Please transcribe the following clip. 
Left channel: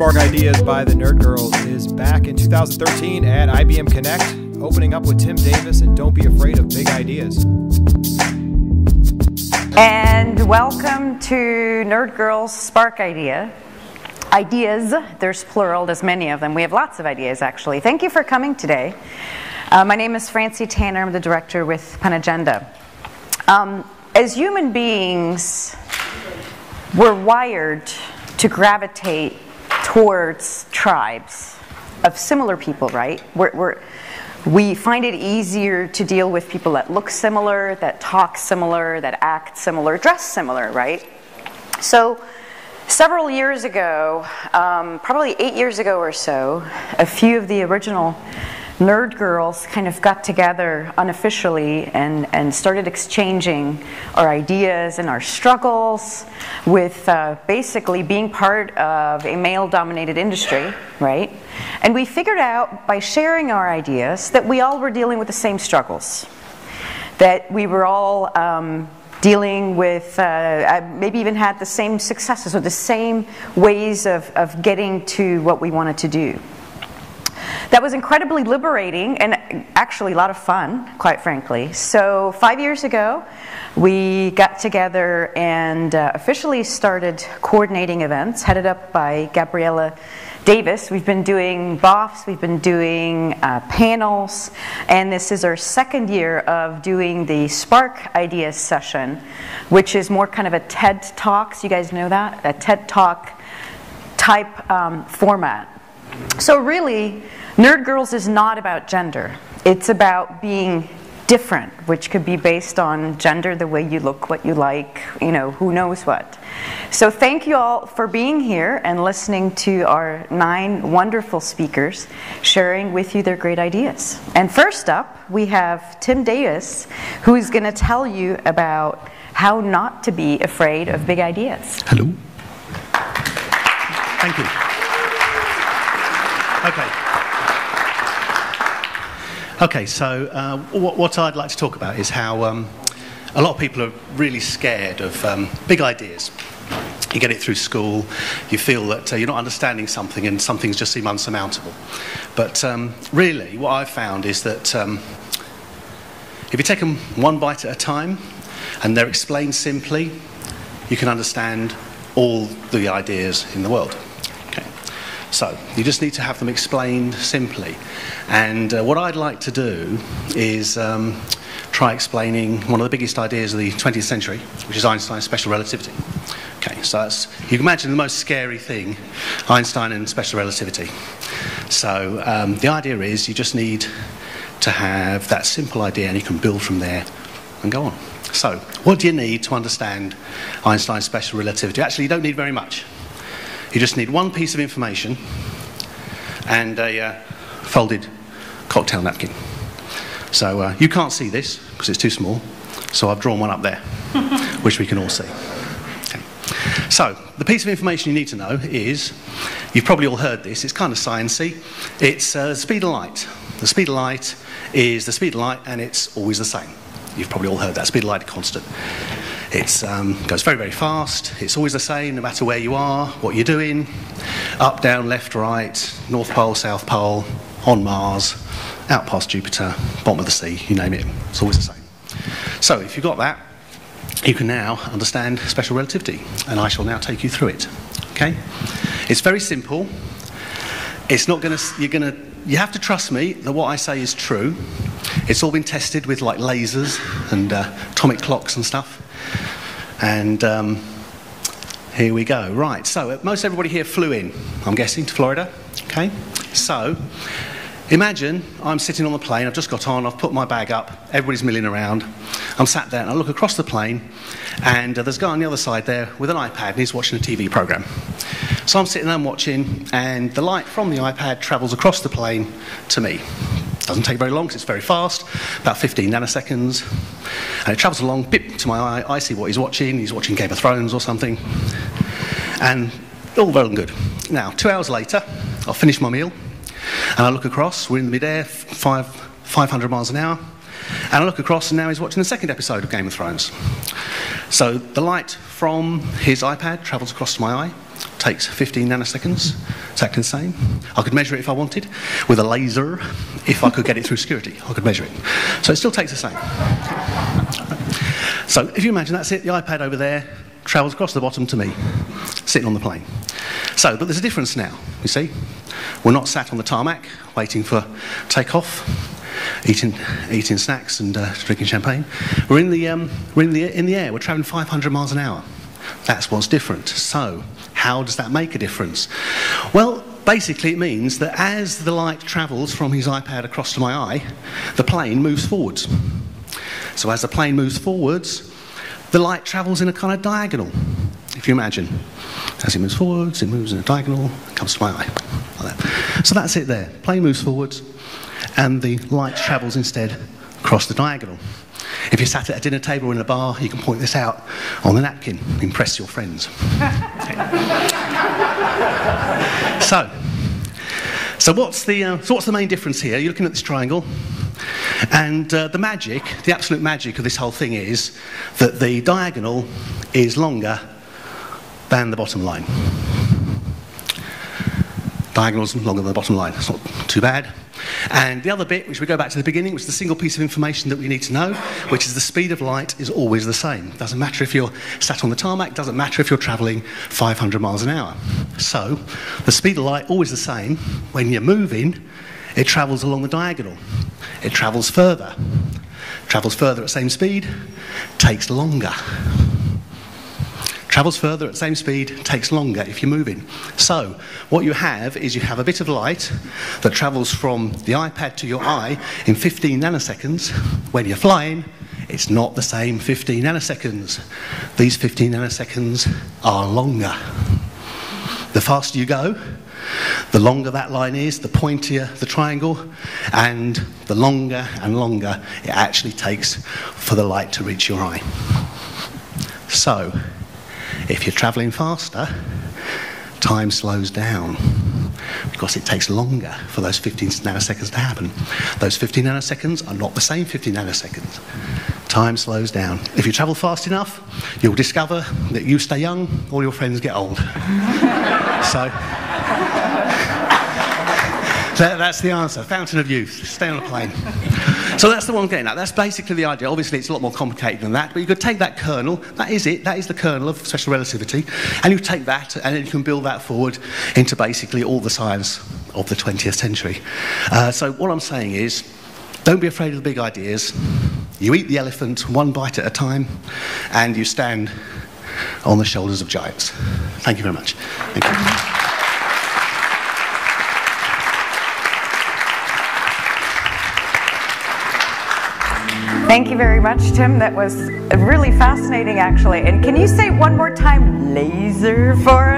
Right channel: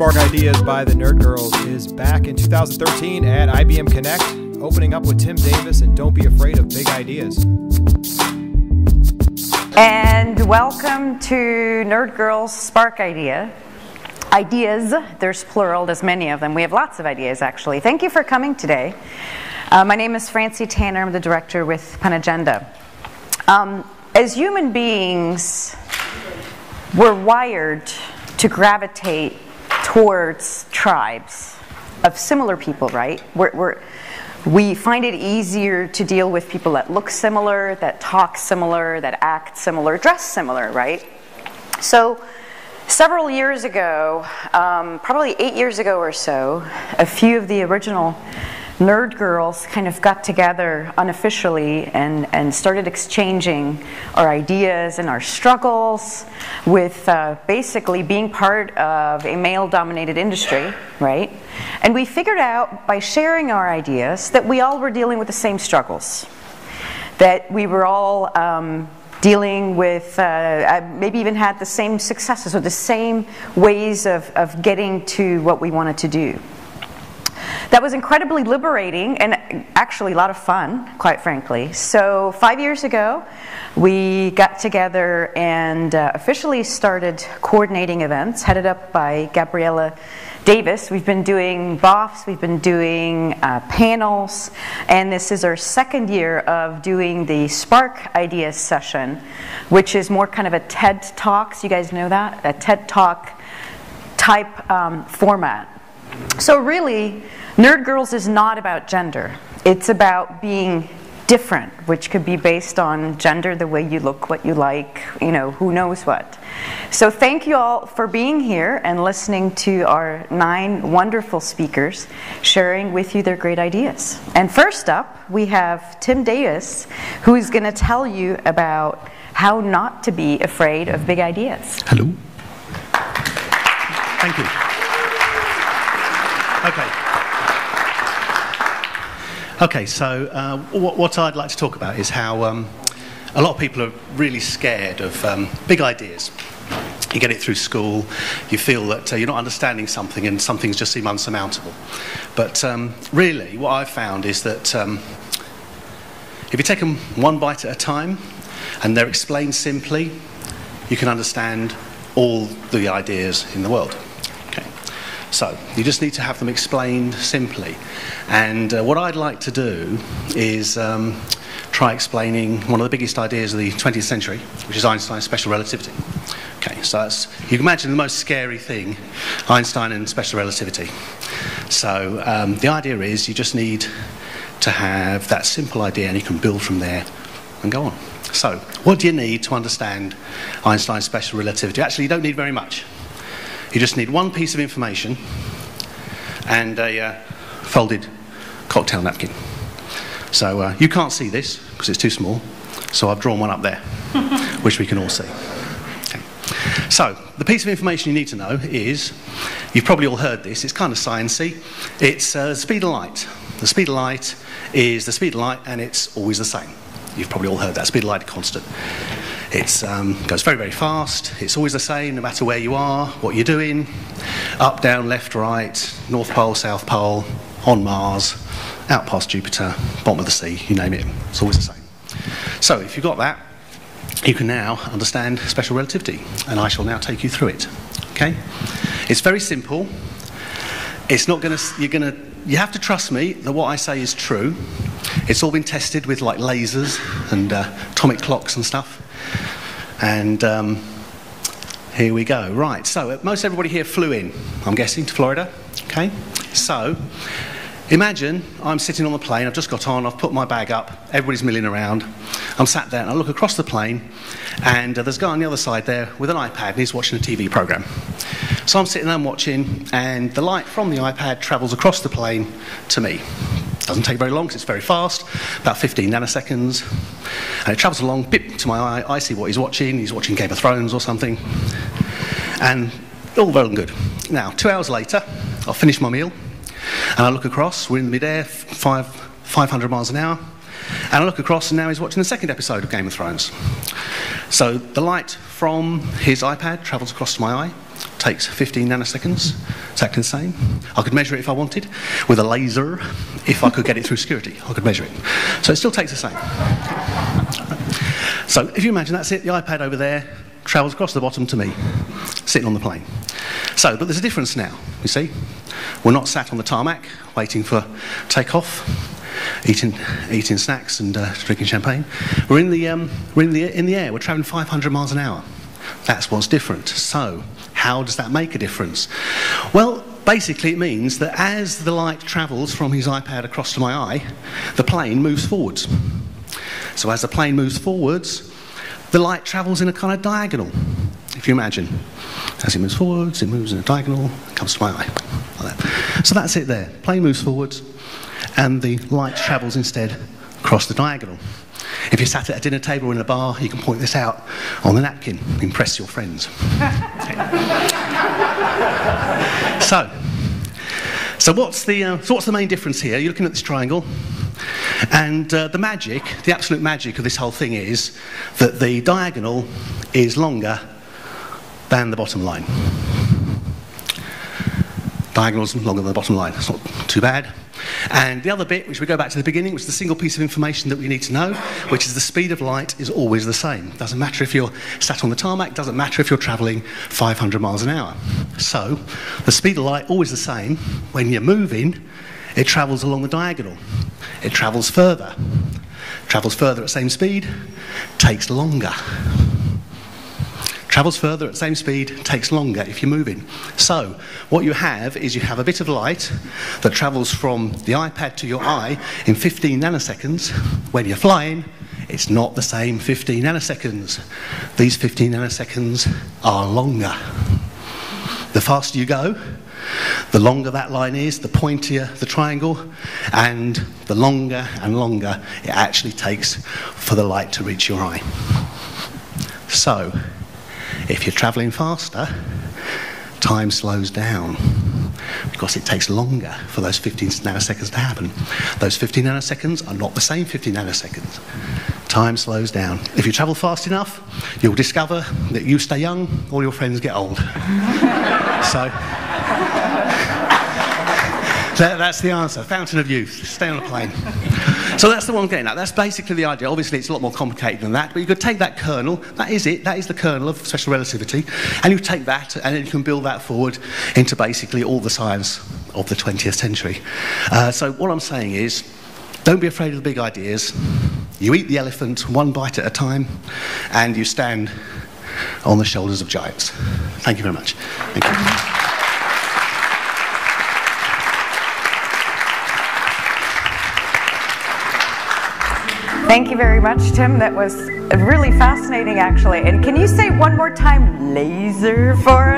Spark Ideas by the Nerd Girls is back in 2013 at IBM Connect, opening up with Tim Davis and Don't Be Afraid of Big Ideas. And welcome to Nerd Girls Spark Ideas. There's plural, there's many of them. We have lots of ideas, actually. Thank you for coming today. My name is Francie Tanner. I'm the director with Penagenda. As human beings, we're wired to gravitate towards tribes of similar people, right? We find it easier to deal with people that look similar, that talk similar, that act similar, dress similar, right? So several years ago, probably 8 years ago or so, a few of the original Nerd Girls kind of got together unofficially and started exchanging our ideas and our struggles with basically being part of a male-dominated industry, right? And we figured out by sharing our ideas that we all were dealing with the same struggles, that we were all dealing with, maybe even had the same successes or the same ways of getting to what we wanted to do. That was incredibly liberating and actually a lot of fun, quite frankly. So 5 years ago, we got together and officially started coordinating events, headed up by Gabriella Davis. We've been doing BOFs, we've been doing panels, and this is our second year of doing the Spark Ideas session, which is more kind of a TED Talks. You guys know that? A TED Talk type format. So really, Nerd Girls is not about gender. It's about being different, which could be based on gender, the way you look, what you like, you know, who knows what. So thank you all for being here and listening to our 9 wonderful speakers sharing with you their great ideas. And first up, we have Tim Davis, who is going to tell you about how not to be afraid of big ideas. Hello. Thank you. Okay, so what I'd like to talk about is how a lot of people are really scared of big ideas. You get it through school, you feel that you're not understanding something and some things just seem unsurmountable. But really, what I've found is that if you take them one bite at a time and they're explained simply, you can understand all the ideas in the world. So, you just need to have them explained simply. And what I'd like to do is try explaining one of the biggest ideas of the 20th century, which is Einstein's special relativity. Okay, so you can imagine the most scary thing, Einstein and special relativity. So, the idea is you just need to have that simple idea and you can build from there and go on. So, what do you need to understand Einstein's special relativity? Actually, you don't need very much. You just need one piece of information and a folded cocktail napkin. So you can't see this because it's too small, so I've drawn one up there, which we can all see. Okay. So the piece of information you need to know is, you've probably all heard this, it's kind of sciencey, it's the speed of light. The speed of light is the speed of light and it's always the same. You've probably all heard that, speed of light is constant. It goes very, very fast. It's always the same, no matter where you are, what you're doing. Up, down, left, right, North Pole, South Pole, on Mars, out past Jupiter, bottom of the sea, you name it. It's always the same. So if you've got that, you can now understand special relativity. And I shall now take you through it. Okay? It's very simple. It's not going to... You have to trust me that what I say is true. It's all been tested with like lasers and atomic clocks and stuff. And here we go. Right, so most everybody here flew in, I'm guessing, to Florida. Okay, so imagine I'm sitting on the plane, I've just got on, I've put my bag up, everybody's milling around. I'm sat there and I look across the plane and there's a guy on the other side there with an iPad and he's watching a TV programme. So I'm sitting there and watching and the light from the iPad travels across the plane to me. Doesn't take very long because it's very fast, about 15 nanoseconds. And it travels along, bip, to my eye, I see what he's watching Game of Thrones or something. And all well and good. Now, 2 hours later, I'll finish my meal and I look across, we're in midair, 500 miles an hour. And I look across and now he's watching the second episode of Game of Thrones. So the light from his iPad travels across to my eye, takes 15 nanoseconds, exactly the same. I could measure it if I wanted, with a laser, if I could get it through security, I could measure it. So it still takes the same. So if you imagine that's it, the iPad over there travels across the bottom to me, sitting on the plane. So, but there's a difference now, you see. We're not sat on the tarmac, waiting for takeoff, eating snacks and drinking champagne. We're in the air. We're travelling 500 miles an hour. That's what's different. So, how does that make a difference? Well, basically it means that as the light travels from his iPad across to my eye, the plane moves forwards. So as the plane moves forwards, the light travels in a kind of diagonal, if you imagine. As it moves forwards, it moves in a diagonal, comes to my eye. Like that. So that's it there. Plane moves forwards, and the light travels instead across the diagonal. If you're sat at a dinner table or in a bar, you can point this out on a napkin, impress your friends. So what's the main difference here? You're looking at this triangle, and the absolute magic of this whole thing is that the diagonal is longer than the bottom line. Diagonal's longer than the bottom line. That's not too bad. And the other bit, which we go back to the beginning, which is the single piece of information that we need to know, which is the speed of light is always the same. Doesn't matter if you're sat on the tarmac, doesn't matter if you're travelling 500 miles an hour. So, the speed of light always the same. When you're moving, it travels along the diagonal. It travels further. Travels further at the same speed, takes longer. Travels further at the same speed, takes longer if you're moving. So, what you have is you have a bit of light that travels from the iPad to your eye in 15 nanoseconds. When you're flying, it's not the same 15 nanoseconds. These 15 nanoseconds are longer. The faster you go, the longer that line is, the pointier the triangle, and the longer and longer it actually takes for the light to reach your eye. So, if you're travelling faster, time slows down because it takes longer for those 15 nanoseconds to happen. Those 15 nanoseconds are not the same 15 nanoseconds. Time slows down. If you travel fast enough, you'll discover that you stay young, all your friends get old. So that's the answer. Fountain of youth. Stay on a plane. So that's the one I'm getting at. That's basically the idea. Obviously, it's a lot more complicated than that, but you could take that kernel. That is it. That is the kernel of special relativity. And you take that, and then you can build that forward into basically all the science of the 20th century. So what I'm saying is, don't be afraid of the big ideas. You eat the elephant one bite at a time, and you stand on the shoulders of giants. Thank you very much. Thank you. Thank you very much, Tim. That was really fascinating, actually. And can you say one more time, laser, for